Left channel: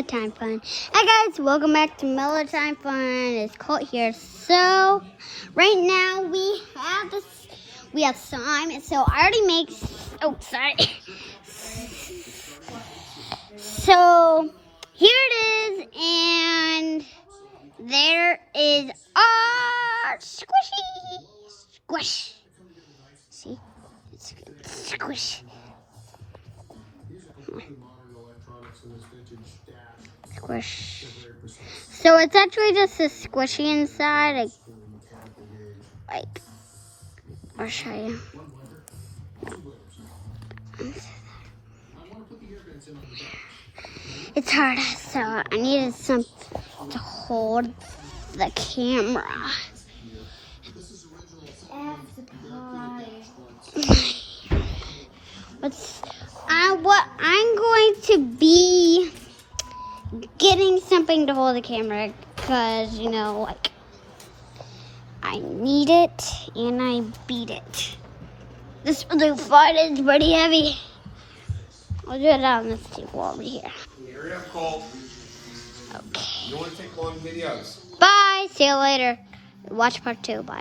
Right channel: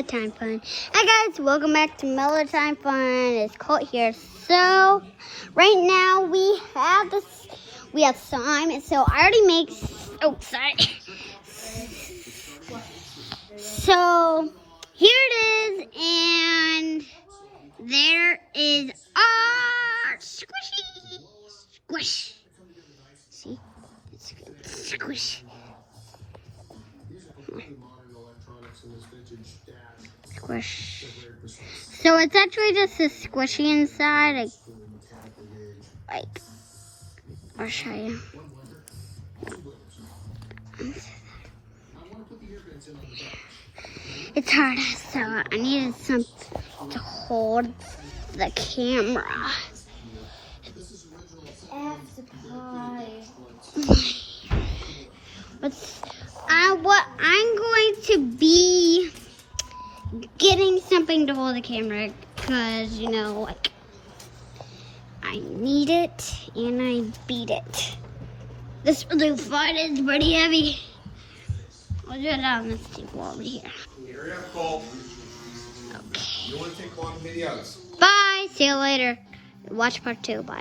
Mellow Time Fun. Hi guys, welcome back to Mellow Time Fun. It's Colt here. So, right now we have slime. So I already made, sorry. So, here it is, and there is squishy. Squish. See? Squish. Squish. So it's actually just a squishy inside. I'll show you. It's hard, so I needed something to hold the camera. What I'm going to be getting something to hold the camera because, I need it and I beat it. This blue part is pretty heavy. I'll do it on this table over here. Hurry up, Cole. Okay. You want to take long videos? Bye. See you later. Watch part 2. Bye.